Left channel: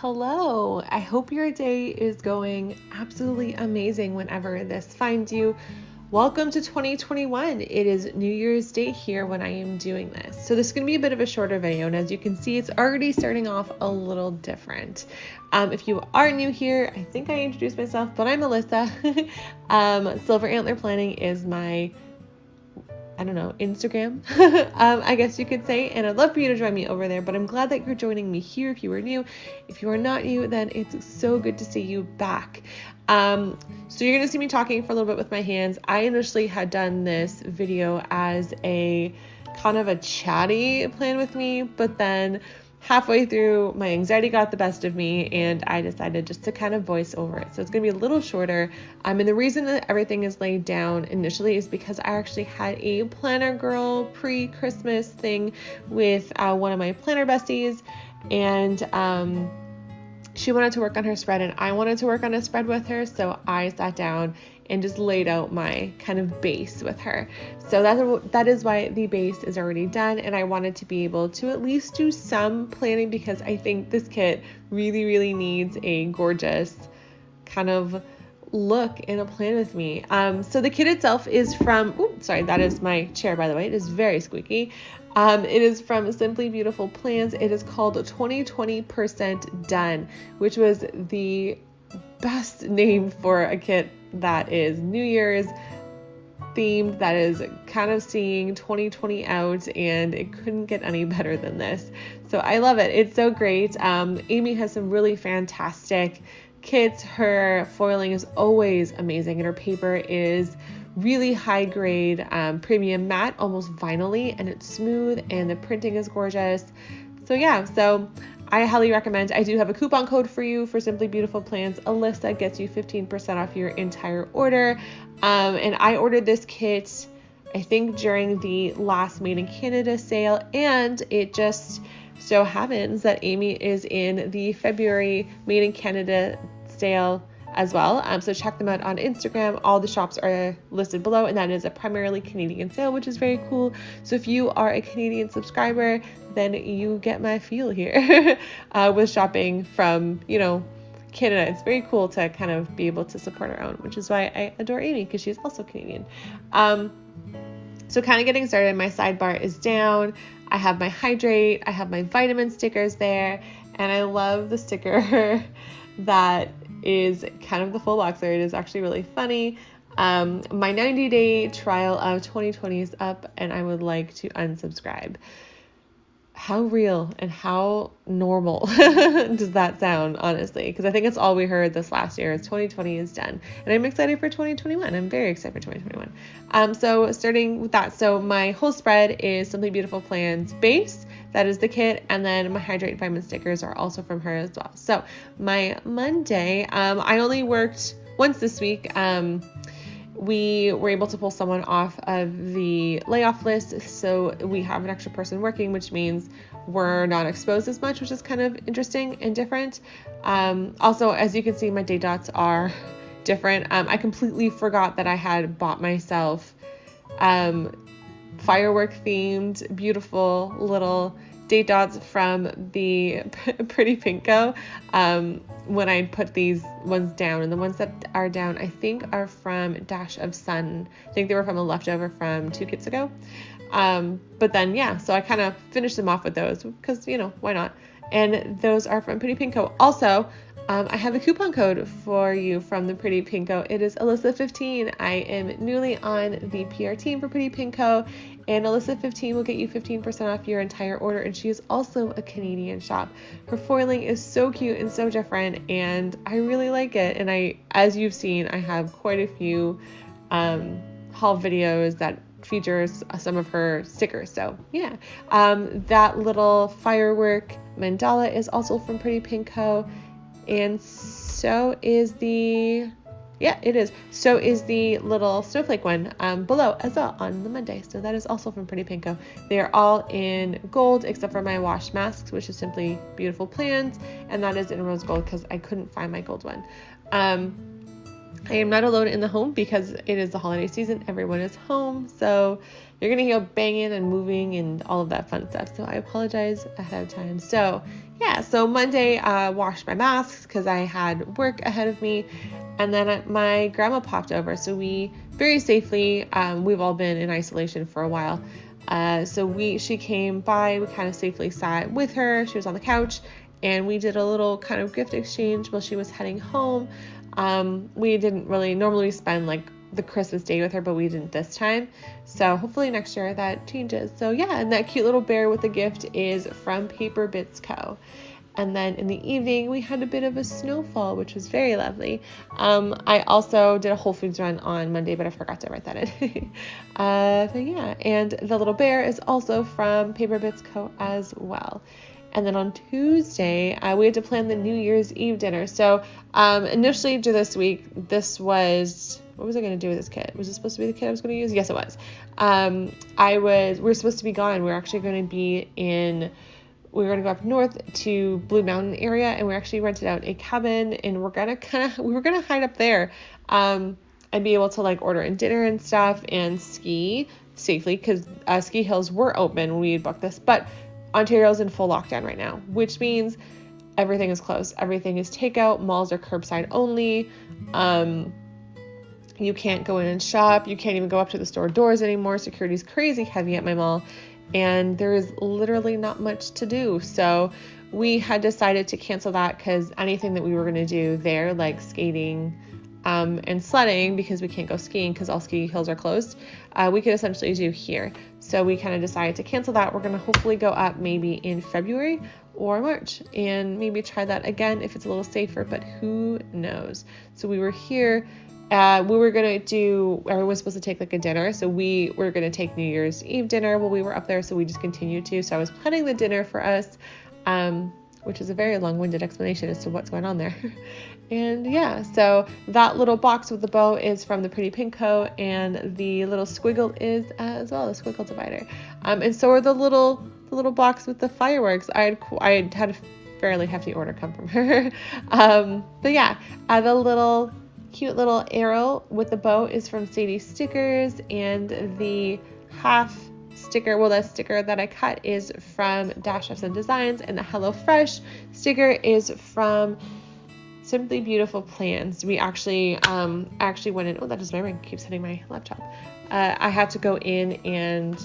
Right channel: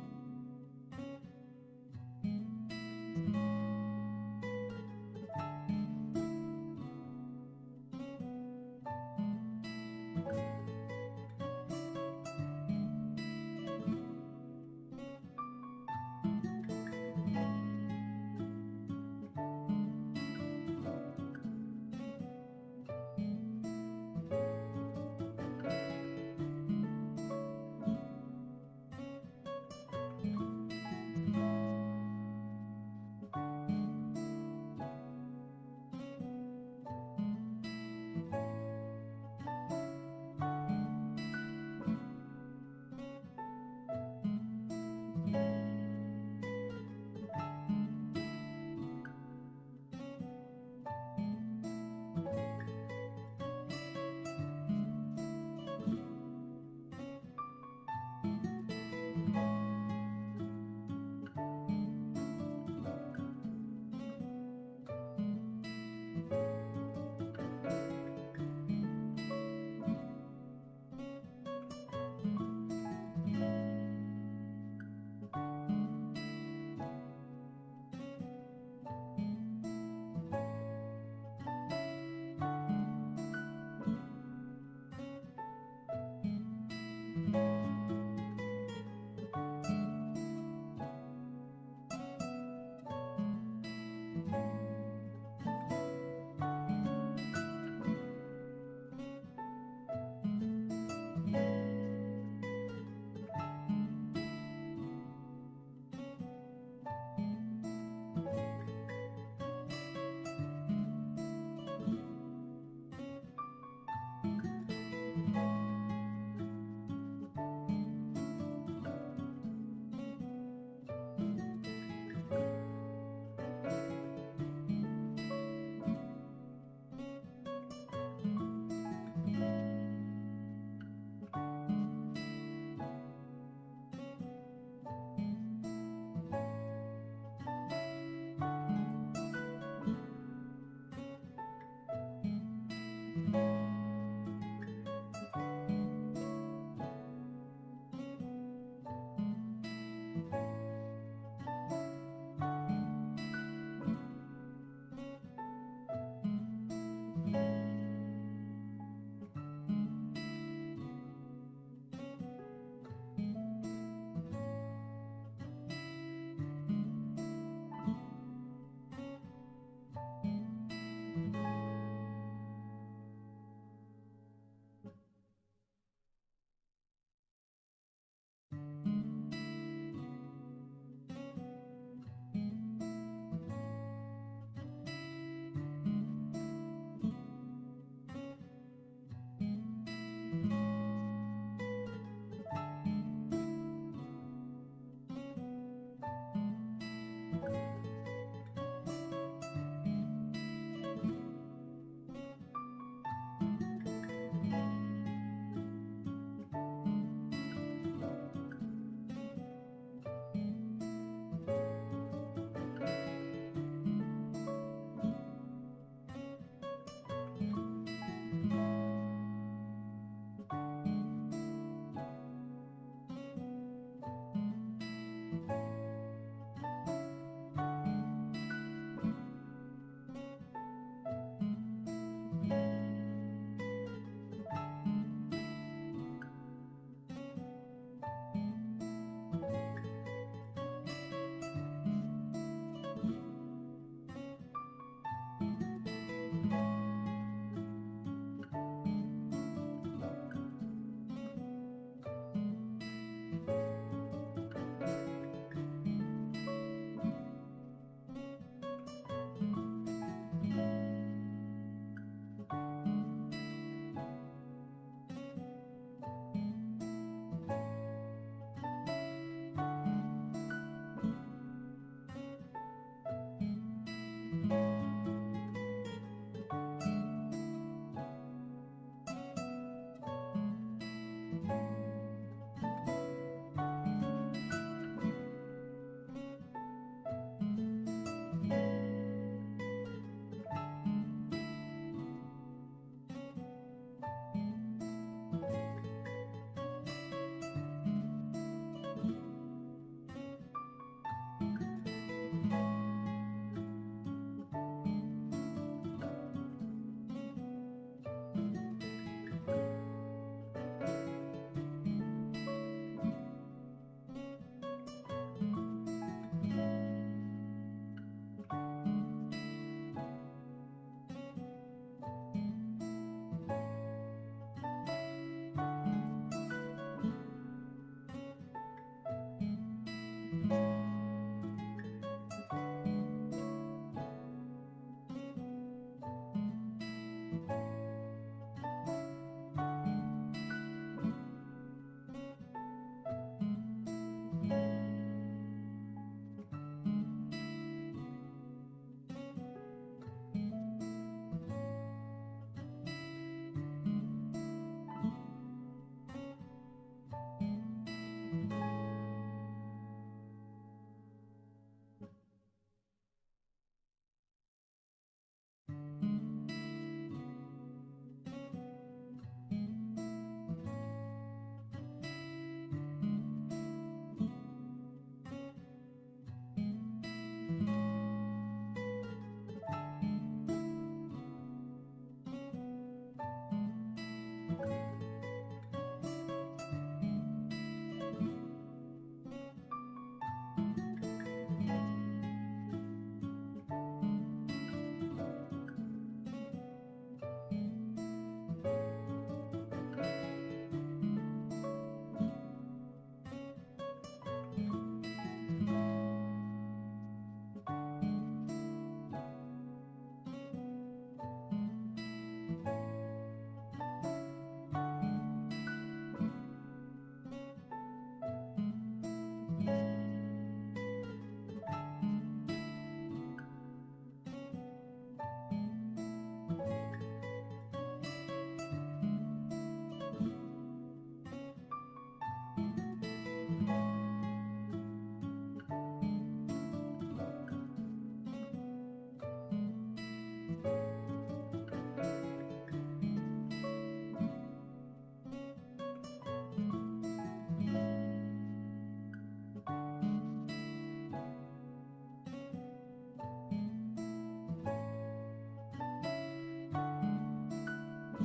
hello. I hope your day is going absolutely amazing whenever this finds you. Welcome to 2021. It is New Year's Day here when I am doing this. So this is going to be a bit of a shorter video, and as you can see, it's already starting off a little different. If you are new here, I think I introduced myself, but I'm Alyssa. Silver Antler Planning is my Instagram, I guess you could say, and I'd love for you to join me over there, but I'm glad that you're joining me here if you are new. If you are not new, then it's so good to see you back. So you're going to see me talking for a little bit with my hands. I initially had done this video as a kind of a chatty plan with me, but then halfway through, my anxiety got the best of me, and I decided just to kind of voice over it. So it's going to be a little shorter. And the reason that everything is laid down initially is because I actually had a Planner Girl pre-Christmas thing with one of my planner besties, and she wanted to work on her spread, and I wanted to work on a spread with her. So I sat down and just laid out my kind of base with her. So that is why the base is already done, and I wanted to be able to at least do some planning because I think this kit really, really needs a gorgeous kind of look in a plan with me. So the kit itself is from, that is my chair, by the way. It is very squeaky. It is from Simply Beautiful Plans. It is called 20% Done, which was the best name for a kit that is New Year's themed, that is kind of seeing 2020 out, and it couldn't get any better than this. So I love it. It's so great. Amy has some really fantastic kits. Her foiling is always amazing, and her paper is really high grade, premium matte, almost vinyl-y, and it's smooth, and the printing is gorgeous. So yeah, I highly recommend. I do have a coupon code for you for Simply Beautiful Plans. Alyssa gets you 15% off your entire order. And I ordered this kit, I think, during the last Made in Canada sale, and it just so happens that Amy is in the February Made in Canada sale as well. So check them out on Instagram. All the shops are listed below, and that is a primarily Canadian sale, which is very cool. So if you are a Canadian subscriber, then you get my feel here with shopping from, Canada. It's very cool to kind of be able to support our own, which is why I adore Amy, because she's also Canadian. So kind of getting started, my sidebar is down. I have my hydrate, I have my vitamin stickers there, and I love the sticker that is kind of the full boxer. It is actually really funny. My 90-day trial of 2020 is up, and I would like to unsubscribe. How real and how normal does that sound, honestly? Because I think it's all we heard this last year is 2020 is done. And I'm excited for 2021. I'm very excited for 2021. So starting with that, so my whole spread is Simply Beautiful Plans base. That is the kit, and then my Hydrate Vitamin stickers are also from her as well. So my Monday, I only worked once this week. We were able to pull someone off of the layoff list, so we have an extra person working, which means we're not exposed as much, which is kind of interesting and different. Also, as you can see, my date dots are different. I completely forgot that I had bought myself firework themed beautiful little date dots from the Pretty Pinko when I put these ones down, and the ones that are down I think are from Dash of Sun. I think they were from a leftover from 2 kits ago, but then so I kind of finished them off with those because why not. And those are from Pretty Pinko. Also, I have a coupon code for you from the Pretty Pinko. It is Alyssa15. I am newly on the PR team for Pretty Pinko, and Alyssa15 will get you 15% off your entire order, and she is also a Canadian shop. Her foiling is so cute and so different, and I really like it. And as you've seen, I have quite a few haul videos that features some of her stickers. So that little firework mandala is also from Pretty Pinko, and so is the little snowflake one below as well on the Monday. So that is also from Pretty Pinko. They are all in gold except for my wash masks, which is Simply Beautiful Plans, and that is in rose gold because I couldn't find my gold one. I am not alone in the home because it is the holiday season. Everyone is home, so you're gonna hear banging and moving and all of that fun stuff. So I apologize ahead of time. So yeah, so Monday I washed my masks because I had work ahead of me, and then my grandma popped over. So we very safely, we've all been in isolation for a while. She came by. We kind of safely sat with her. She was on the couch, and we did a little kind of gift exchange while she was heading home. We didn't really normally spend like the Christmas day with her, but we didn't this time. So hopefully next year that changes. So yeah, and that cute little bear with the gift is from Paper Bits Co. And then in the evening, we had a bit of a snowfall, which was very lovely. I also did a Whole Foods run on Monday, but I forgot to write that in. But yeah, and the little bear is also from Paper Bits Co. as well. And then on Tuesday, we had to plan the New Year's Eve dinner. So initially this week, what was I going to do with this kit? Was it supposed to be the kit I was going to use? Yes, it was. We were supposed to be gone. We were actually going to go up north to Blue Mountain area, and we actually rented out a cabin, and we were going to hide up there and be able to like order in dinner and stuff and ski safely because ski hills were open when we had booked this, but Ontario's in full lockdown right now, which means everything is closed. Everything is takeout. Malls are curbside only. You can't go in and shop. You can't even go up to the store doors anymore. Security's crazy heavy at my mall, and there is literally not much to do. So we had decided to cancel that because anything that we were going to do there, like skating and sledding, because we can't go skiing because all ski hills are closed, we could essentially do here. So we kind of decided to cancel that. We're going to hopefully go up maybe in February or March and maybe try that again if it's a little safer, but who knows. So we were here. Everyone was supposed to take like a dinner. So we were going to take New Year's Eve dinner while we were up there. So we just continued to. So I was planning the dinner for us, which is a very long-winded explanation as to what's going on there. And yeah, so that little box with the bow is from the Pretty Pink Co. And the little squiggle is as well, the squiggle divider. And so are the little box with the fireworks. I had a fairly hefty order come from her. But yeah, the cute little arrow with the bow is from Sadie Stickers, and the half sticker, the sticker that I cut is from Dash Fs and Designs, and the Hello Fresh sticker is from Simply Beautiful Plans. We actually went in. Oh, that is my ring. Keeps hitting my laptop. I had to go in and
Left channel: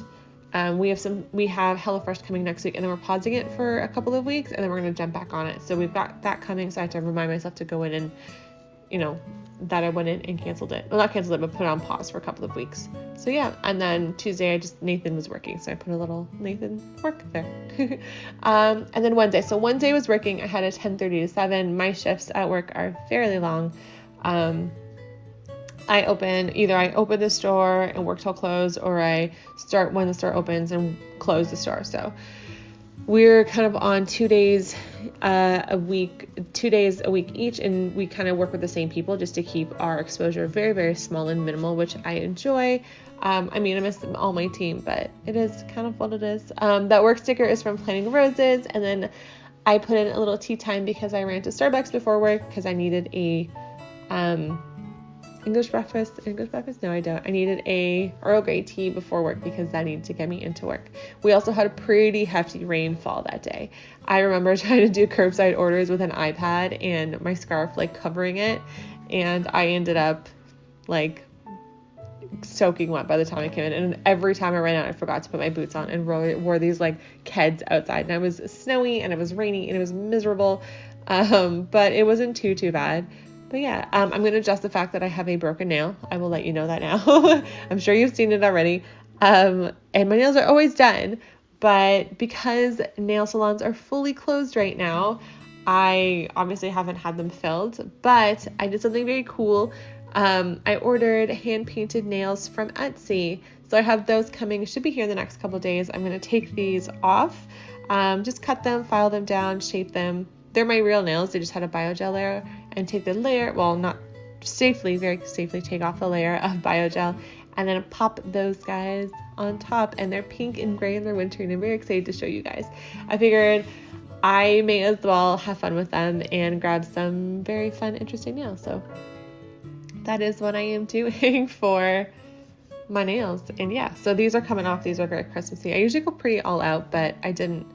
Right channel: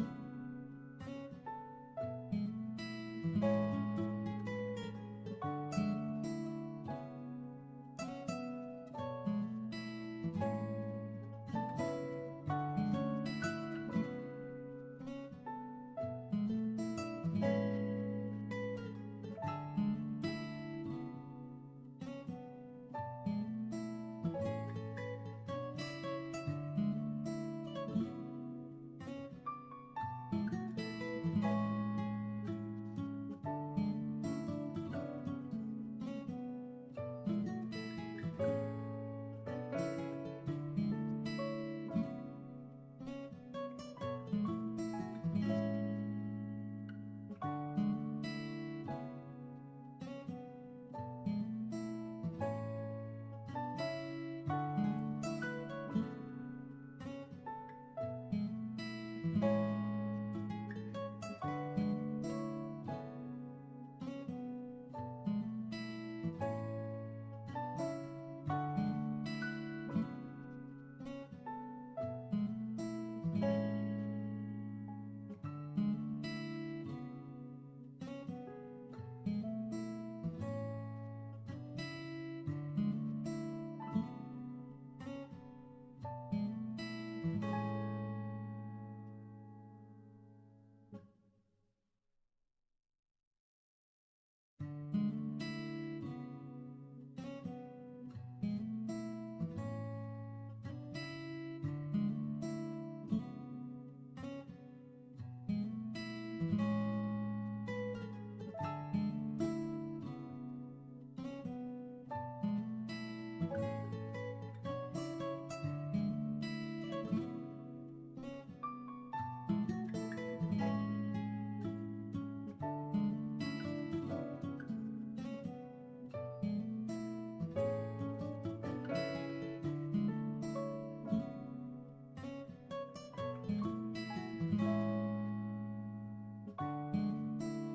we have HelloFresh coming next week, and then we're pausing it for a couple of weeks, and then we're going to jump back on it. So we've got that coming, so I have to remind myself to go in and, that I went in and canceled it. Well, not canceled it, but put it on pause for a couple of weeks. So yeah, and then Tuesday, Nathan was working, so I put a little Nathan work there. And then Wednesday. So Wednesday was working. I had a 10:30 to 7. My shifts at work are fairly long. I open the store and work till close, or I start when the store opens and close the store. So we're kind of on 2 days a week each, and we kind of work with the same people just to keep our exposure very, very small and minimal, which I enjoy. I miss all my team, but it is kind of what it is. That work sticker is from Planting Roses, and then I put in a little tea time because I ran to Starbucks before work because I needed a English breakfast? No, I don't. I needed a Earl Grey tea before work because that needed to get me into work. We also had a pretty hefty rainfall that day. I remember trying to do curbside orders with an iPad and my scarf covering it, and I ended up soaking wet by the time I came in, and every time I ran out I forgot to put my boots on and wore these Keds outside, and it was snowy and it was rainy and it was miserable, but it wasn't too bad. But yeah, I'm going to adjust the fact that I have a broken nail. I will let you know that now. I'm sure you've seen it already. And my nails are always done, but because nail salons are fully closed right now, I obviously haven't had them filled, but I did something very cool. I ordered hand-painted nails from Etsy. So I have those coming. Should be here in the next couple days. I'm going to take these off, just cut them, file them down, shape them. They're my real nails. They just had a biogel layer, and take the layer, very safely take off the layer of biogel, and then pop those guys on top, and they're pink and gray and they're wintry, and I'm very excited to show you guys. I figured I may as well have fun with them and grab some very fun, interesting nails. So that is what I am doing for my nails. And yeah, so these are coming off. These are very Christmassy. I usually go pretty all out, but I didn't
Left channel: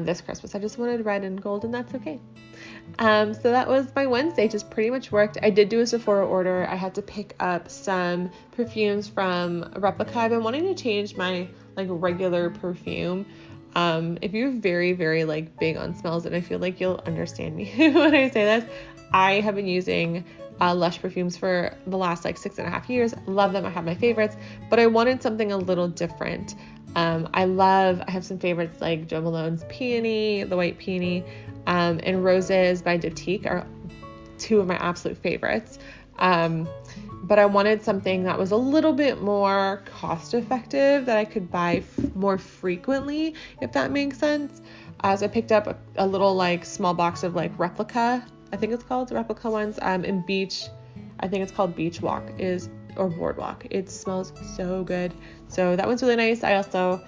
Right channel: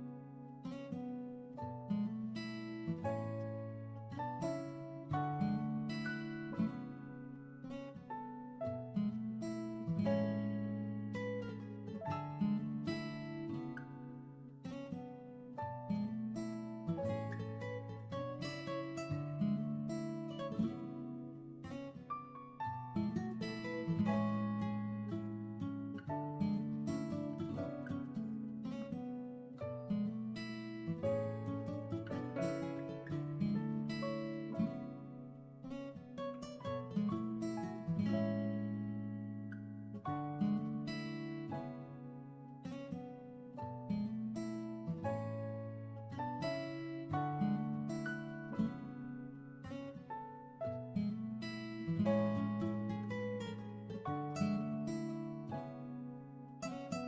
this Christmas. I just wanted red and gold, and that's okay. So that was my Wednesday, just pretty much worked. I did do a Sephora order. I had to pick up some perfumes from Replica. I've been wanting to change my like regular perfume. If you're very, very like big on smells, and I feel like you'll understand me when I say this, I have been using Lush perfumes for the last like 6.5 years. Love them. I have my favorites, but I wanted something a little different. I have some favorites like Jo Malone's Peony, the White Peony, and Roses by Diptyque are two of my absolute favorites. But I wanted something that was a little bit more cost effective, that I could buy more frequently, if that makes sense. So I picked up a little like small box of like Replica, I think it's called Replica ones, in Beach. I think it's called Beach Walk or Boardwalk. It smells so good. So that one's really nice. I also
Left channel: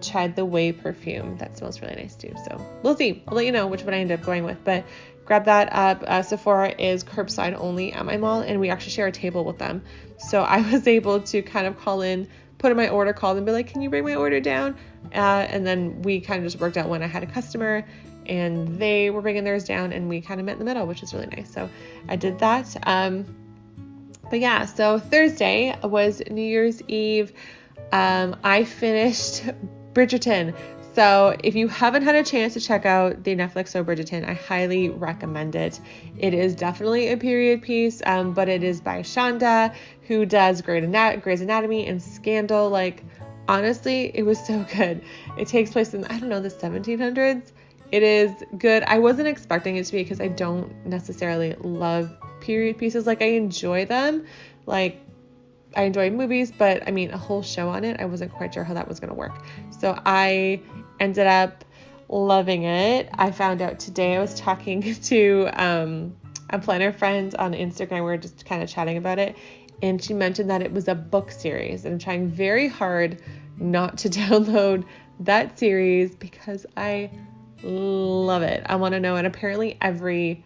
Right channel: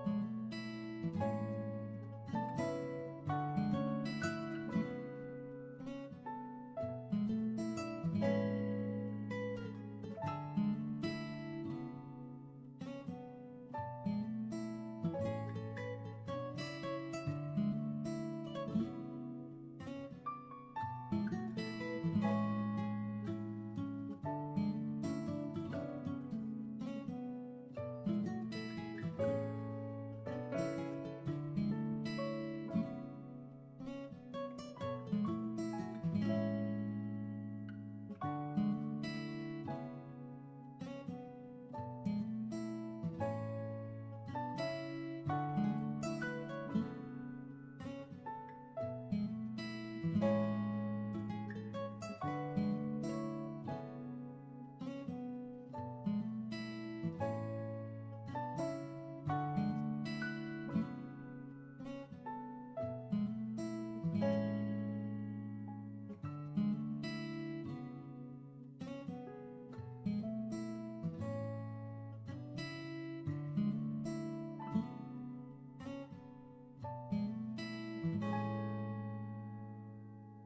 tried the Way perfume. That smells really nice too. So we'll see. I'll let you know which one I end up going with. But grab that up. Sephora is curbside only at my mall, and we actually share a table with them. So I was able to kind of call in, put in my order, call them, and be like, can you bring my order down? And then we kind of just worked out when I had a customer, and they were bringing theirs down, and we kind of met in the middle, which is really nice. So I did that. But yeah, so Thursday was New Year's Eve. I finished Bridgerton. So if you haven't had a chance to check out the Netflix show Bridgerton, I highly recommend it. It is definitely a period piece, but it is by Shonda, who does Grey's Anatomy and Scandal. Like, honestly, it was so good. It takes place in, I don't know, the 1700s. It is good. I wasn't expecting it to be, because I don't necessarily love period pieces. Like, I enjoy them. Like, I enjoy movies, but I mean, a whole show on it, I wasn't quite sure how that was going to work. So I ended up loving it. I found out today, I was talking to a planner friend on Instagram. We were just kind of chatting about it, and she mentioned that it was a book series, and I'm trying very hard not to download that series because I love it. I want to know. And apparently every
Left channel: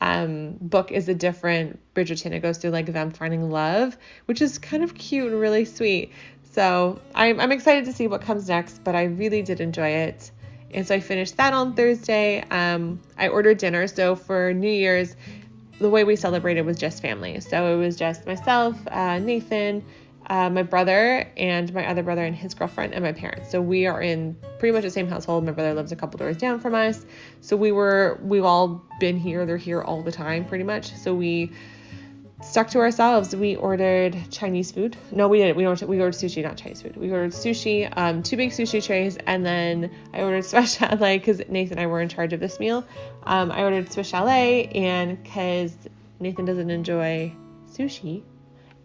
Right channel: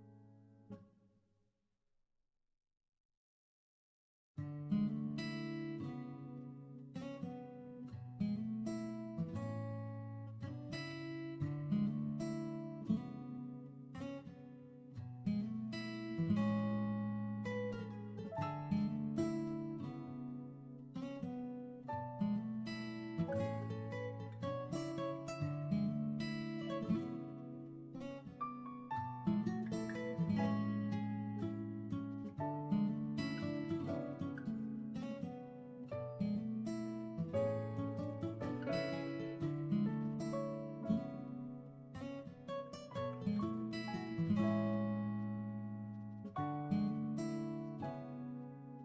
book is a different Bridgerton. It goes through like them finding love, which is kind of cute and really sweet. So I'm excited to see what comes next, but I really did enjoy it. And so I finished that on Thursday. I ordered dinner. So for New Year's, the way we celebrated was just family. So it was just myself, Nathan, my brother, and my other brother and his girlfriend, and my parents. So we are in pretty much the same household. My brother lives a couple doors down from us. So we've all been here. They're here all the time, pretty much. So we stuck to ourselves. We ordered Chinese food. No, we didn't. We ordered sushi, not Chinese food. We ordered sushi, 2 big sushi trays, and then I ordered Swiss chalet because Nathan and I were in charge of this meal. I ordered Swiss chalet, and because Nathan doesn't enjoy sushi,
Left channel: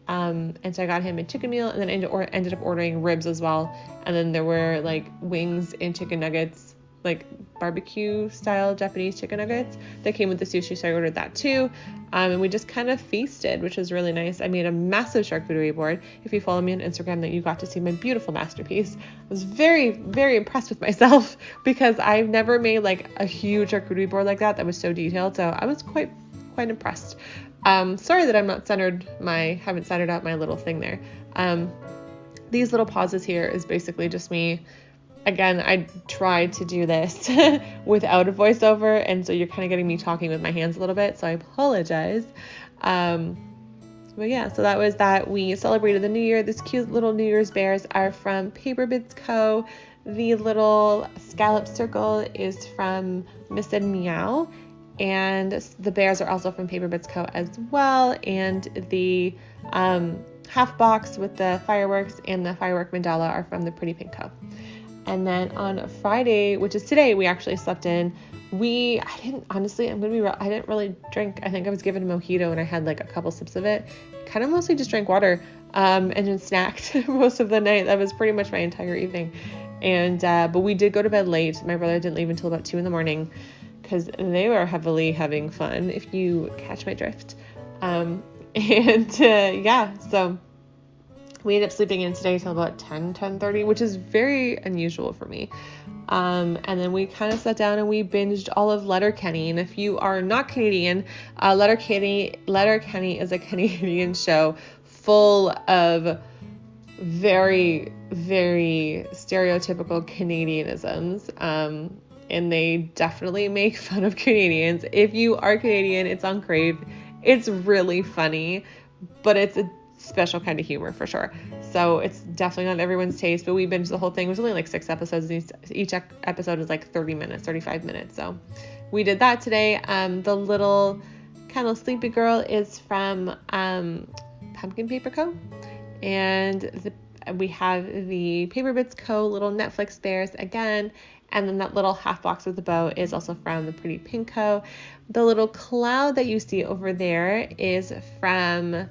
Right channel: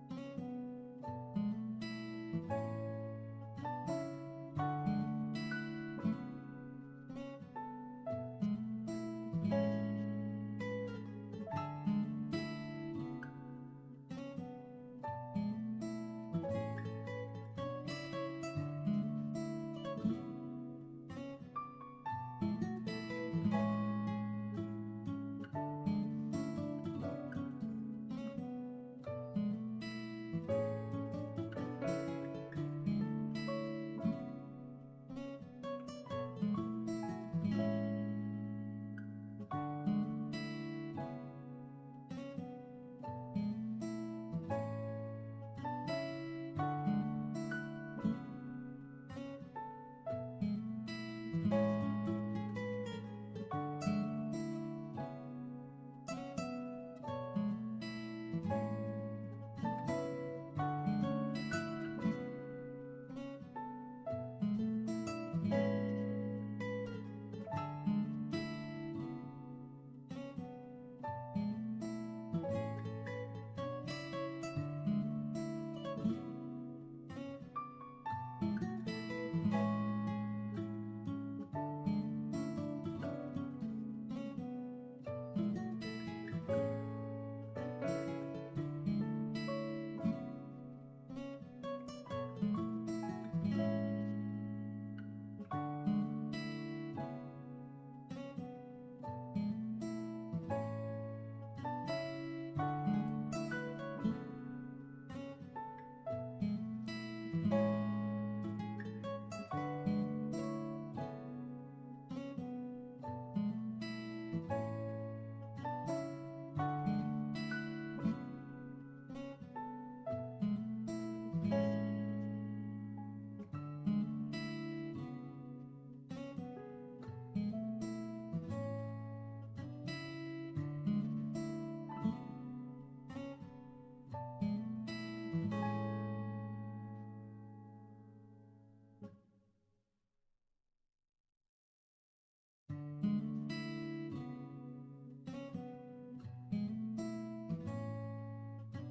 and so I got him a chicken meal, and then ended up ordering ribs as well. And then there were like wings and chicken nuggets, like barbecue style Japanese chicken nuggets that came with the sushi. So I ordered that too. And we just kind of feasted, which was really nice. I made a massive charcuterie board. If you follow me on Instagram, that you got to see my beautiful masterpiece. I was very, very impressed with myself because I've never made like a huge charcuterie board like that was so detailed. So I was quite impressed. Sorry that I'm not haven't centered out my little thing there. These little pauses here is basically just me. Again, I tried to do this without a voiceover, and so you're kind of getting me talking with my hands a little bit, so I apologize. But yeah, so that was that. We celebrated the New Year. This cute little New Year's bears are from Paper Bits Co. The little scallop circle is from miss&meow. And the bears are also from Paper Bits Co. as well. And the half box with the fireworks and the firework mandala are from the Pretty Pink Co. And then on Friday, which is today, we actually slept in. I didn't really drink. I think I was given a mojito and I had like a couple sips of it. Kind of mostly just drank water and then snacked most of the night. That was pretty much my entire evening. And but we did go to bed late. My brother didn't leave until about 2 a.m. because they were heavily having fun, if you catch my drift. Yeah, so We ended up sleeping in today till about 10:30, which is very unusual for me. And then we kind of sat down and we binged all of Letterkenny. And if you are not Canadian, Letterkenny is a Canadian show full of very, very stereotypical Canadianisms. And they definitely make fun of Canadians. If you are Canadian, it's on Crave. It's really funny, but it's a special kind of humor for sure. So it's definitely not everyone's taste, but we binged the whole thing. It was only like 6 episodes. Each episode is like 30 minutes, 35 minutes. So we did that today. The little kind of sleepy girl is from Pumpkin Paper Co. And we have the Paper Bits Co. little Netflix bears again. And then that little half box with the bow is also from the Pretty Pink Co. The little cloud that you see over there is from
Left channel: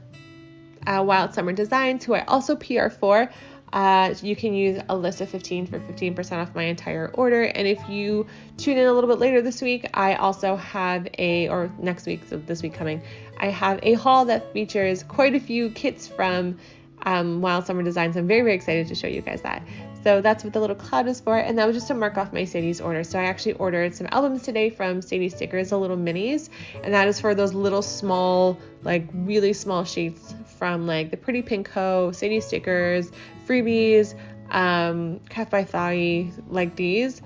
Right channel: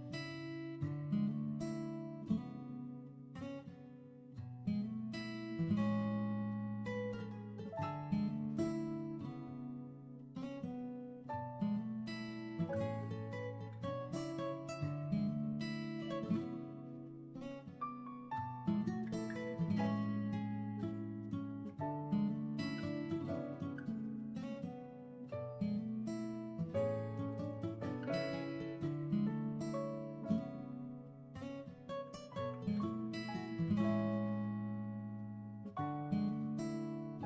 Wild Summer Designs, who I also PR for. You can use Alys15 for 15% off my entire order. And if you tune in a little bit later this week, I also have or next week, so this week coming, I have a haul that features quite a few kits from Wild Summer Designs. I'm very, very excited to show you guys that. So that's what the little cloud is for, and that was just to mark off my Sadie's order. So I actually ordered some albums today from Sadie Stickers, the little minis, and that is for those little small, like really small sheets from like the Pretty Pink Co., Sadie Stickers, Freebies, Cat by Thigh, like these.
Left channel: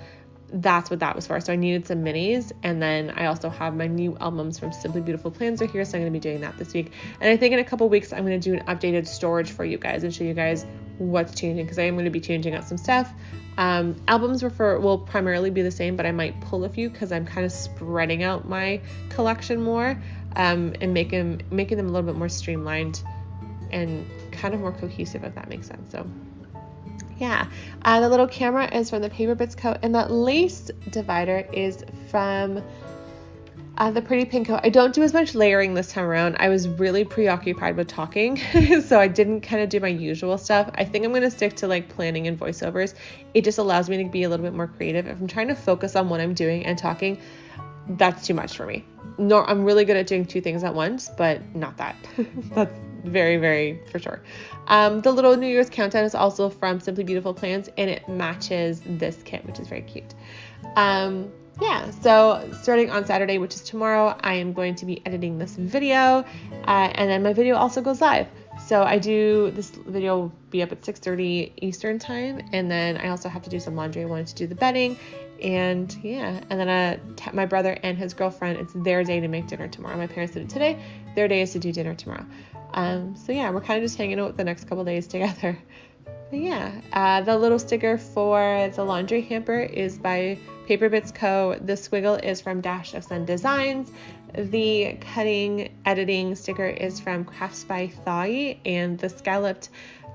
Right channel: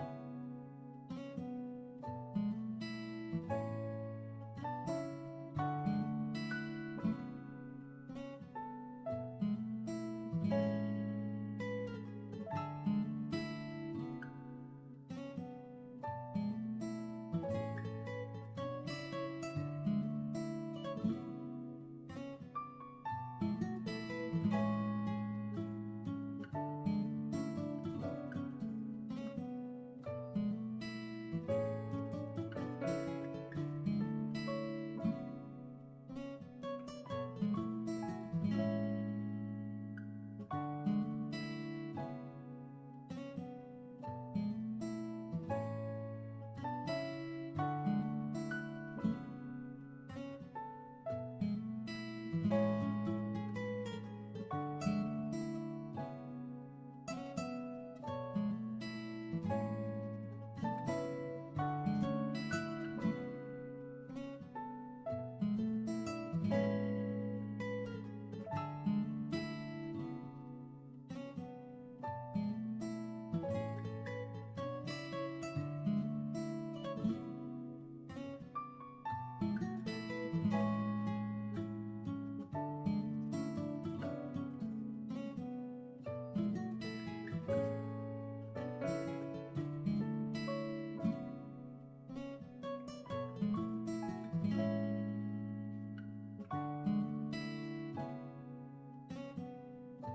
That's what that was for. So I needed some minis, and then I also have my new albums from Simply Beautiful Plans are here, so I'm going to be doing that this week. And I think in a couple weeks I'm going to do an updated storage for you guys and show you guys what's changing, because I am going to be changing out some stuff. Albums will primarily be the same, but I might pull a few because I'm kind of spreading out my collection more, and making them a little bit more streamlined and kind of more cohesive, if that makes sense. So yeah, the little camera is from the Paper Bits Co. And that lace divider is from the Pretty Pink Co. I don't do as much layering this time around. I was really preoccupied with talking, so I didn't kind of do my usual stuff. I think I'm going to stick to like planning and voiceovers. It just allows me to be a little bit more creative. If I'm trying to focus on what I'm doing and talking, that's too much for me. No, I'm really good at doing 2 things at once, but not that. That's very, very for sure. The little New Year's countdown is also from Simply Beautiful Plans, and it matches this kit, which is very cute. Yeah, so starting on Saturday, which is tomorrow, I am going to be editing this video, and then my video also goes live. So this video will be up at 6:30 Eastern time, and then I also have to do some laundry. I wanted to do the bedding, and yeah, and then my brother and his girlfriend, it's their day to make dinner tomorrow. My parents did it today. Their day is to do dinner tomorrow. So yeah, we're kind of just hanging out the next couple days together. But yeah, the little sticker for the laundry hamper is by Paper Bits Co. The squiggle is from Dash of Sun Designs. The cutting editing sticker is from Crafts by Thigh, and the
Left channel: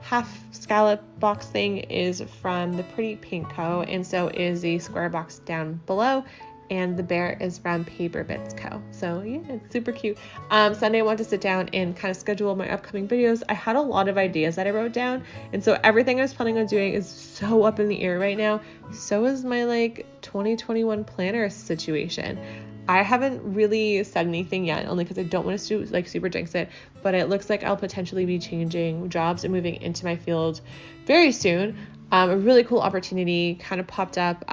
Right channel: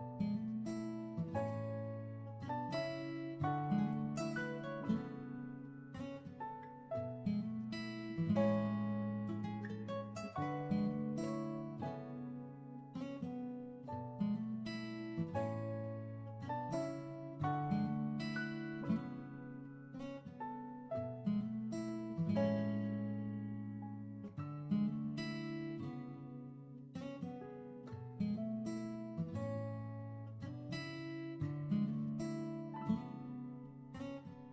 half scallop box thing is from the Pretty Pink Co. And so is the square box down below. And the bear is from Paper Bits Co. So yeah, it's super cute. Sunday I wanted to sit down and kind of schedule my upcoming videos. I had a lot of ideas that I wrote down, and so everything I was planning on doing is so up in the air right now. So is my like 2021 planner situation. I haven't really said anything yet, only because I don't want to like super jinx it, but it looks like I'll potentially be changing jobs and moving into my field very soon. A really cool opportunity kind of popped up.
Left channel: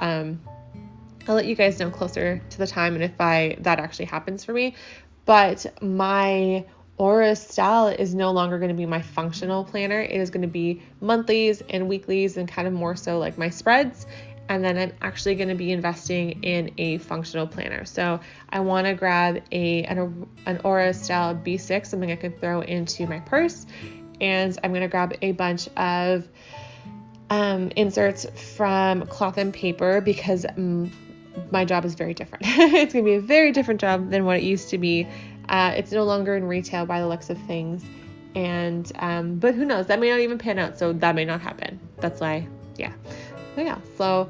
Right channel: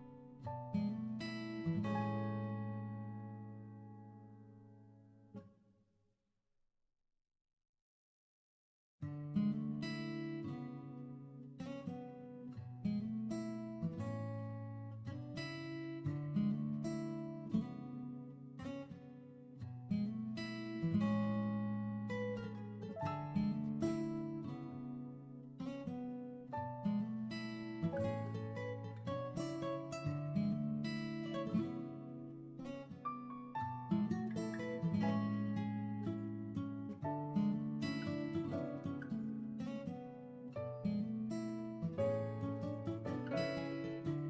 I'll let you guys know closer to the time and if that actually happens for me. But my Aura style is no longer going to be my functional planner. It is going to be monthlies and weeklies and kind of more so like my spreads. And then I'm actually going to be investing in a functional planner. So I want to grab an Aura style B6, something I could throw into my purse. And I'm going to grab a bunch of inserts from Cloth and Paper, because my job is very different. It's going to be a very different job than what it used to be. It's no longer in retail by the looks of things. And, but who knows, that may not even pan out. So that may not happen. That's why, yeah. So yeah, so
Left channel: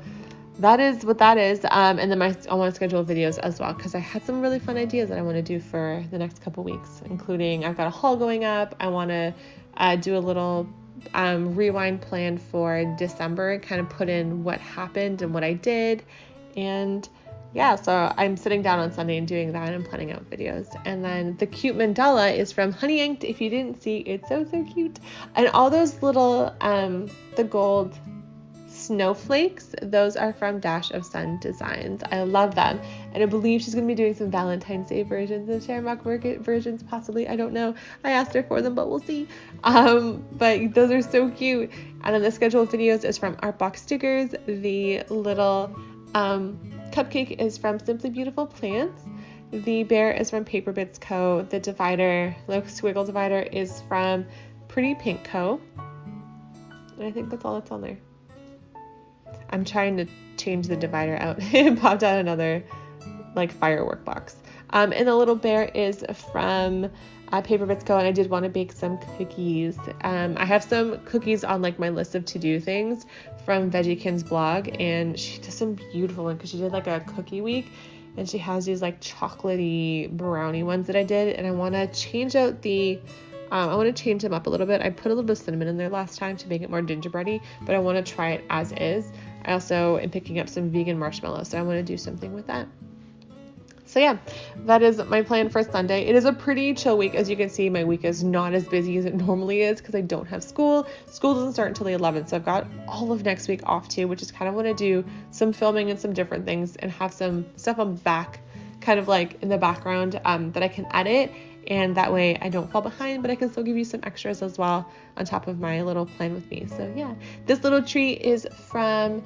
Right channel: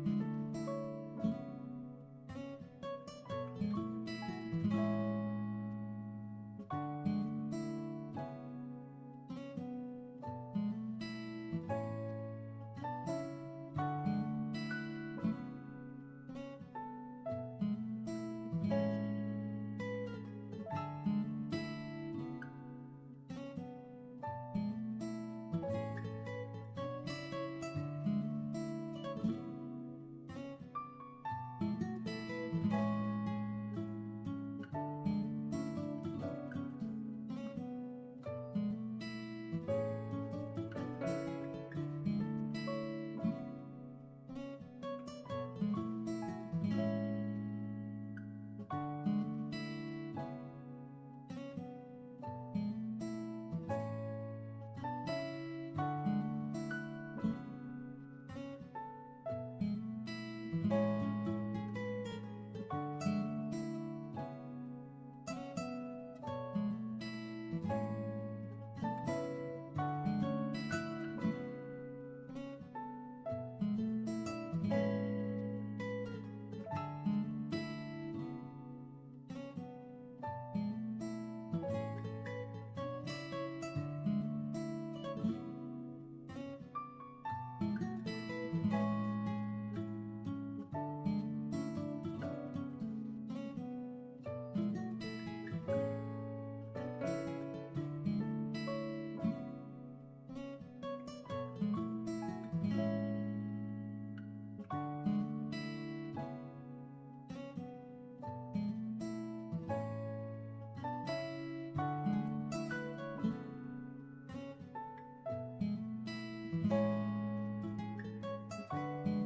that is what that is. And then I want to schedule videos as well, because I had some really fun ideas that I want to do for the next couple weeks, including I've got a haul going up. I want to do a little rewind plan for December and kind of put in what happened and what I did. And yeah, so I'm sitting down on Sunday and doing that, and I'm planning out videos. And then the cute mandala is from Honey Inked. If you didn't see, it's so cute. And all those little the gold snowflakes, those are from Dash of Sun Designs. I love them, and I believe she's going to be doing some Valentine's Day versions and Shamrock Market versions, possibly. I don't know. I asked her for them, but we'll see. But those are so cute. And then the scheduled videos is from Artbox Stickers. The little cupcake is from Simply Beautiful Plants. The bear is from Paper Bits Co. The divider, the squiggle divider, is from Pretty Pink Co. And I think that's all that's on there. I'm trying to change the divider out. It popped out another like firework box. And the little bear is from Paper Bits Co. And I did want to bake some cookies. I have some cookies on like my list of to-do things from Veggiekin's blog, and she does some beautiful ones because she did like a cookie week, and she has these like chocolatey brownie ones that I did, and I want to change out the I want to change them up a little bit. I put a little bit of cinnamon in there last time to make it more gingerbready, but I want to try it as is. I also am picking up some vegan marshmallows, so I want to do something with that. So yeah, that is my plan for Sunday. It is a pretty chill week. As you can see, my week is not as busy as it normally is because I don't have school. School doesn't start until the 11th, so I've got all of next week off too, which is kind of want to do some filming and some different things and have some stuff on back, kind of like in the background that I can edit. And that way I don't fall behind, but I can still give you some extras as well on top of my little plan with me. So yeah, this little tree is from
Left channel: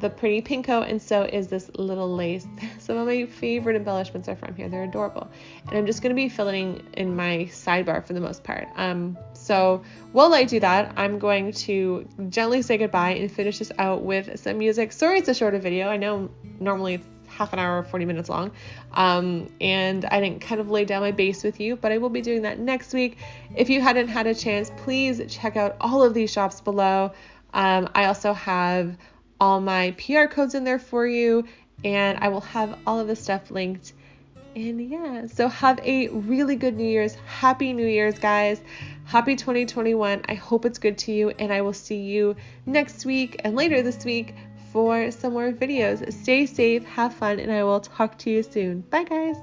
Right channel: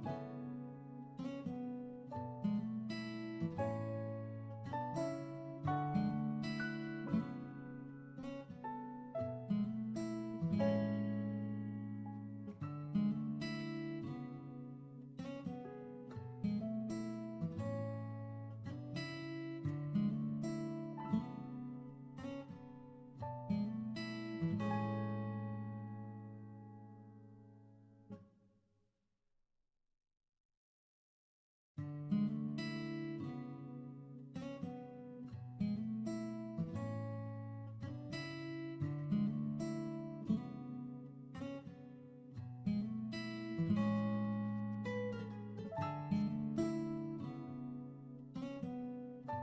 the Pretty Pinko, and so is this little lace. Some of my favorite embellishments are from here. They're adorable. And I'm just going to be filling in my sidebar for the most part. So while I do that, I'm going to gently say goodbye and finish this out with some music. Sorry it's a shorter video. I know normally it's half an hour, 40 minutes long. And I didn't kind of lay down my base with you, but I will be doing that next week. If you hadn't had a chance, please check out all of these shops below. I also have all my PR codes in there for you, and I will have all of the stuff linked. And yeah, so have a really good New Year's. Happy New Year's, guys. Happy 2021. I hope it's good to you, and I will see you next week and later this week for some more videos. Stay safe, have fun, and I will talk to you soon. Bye, guys.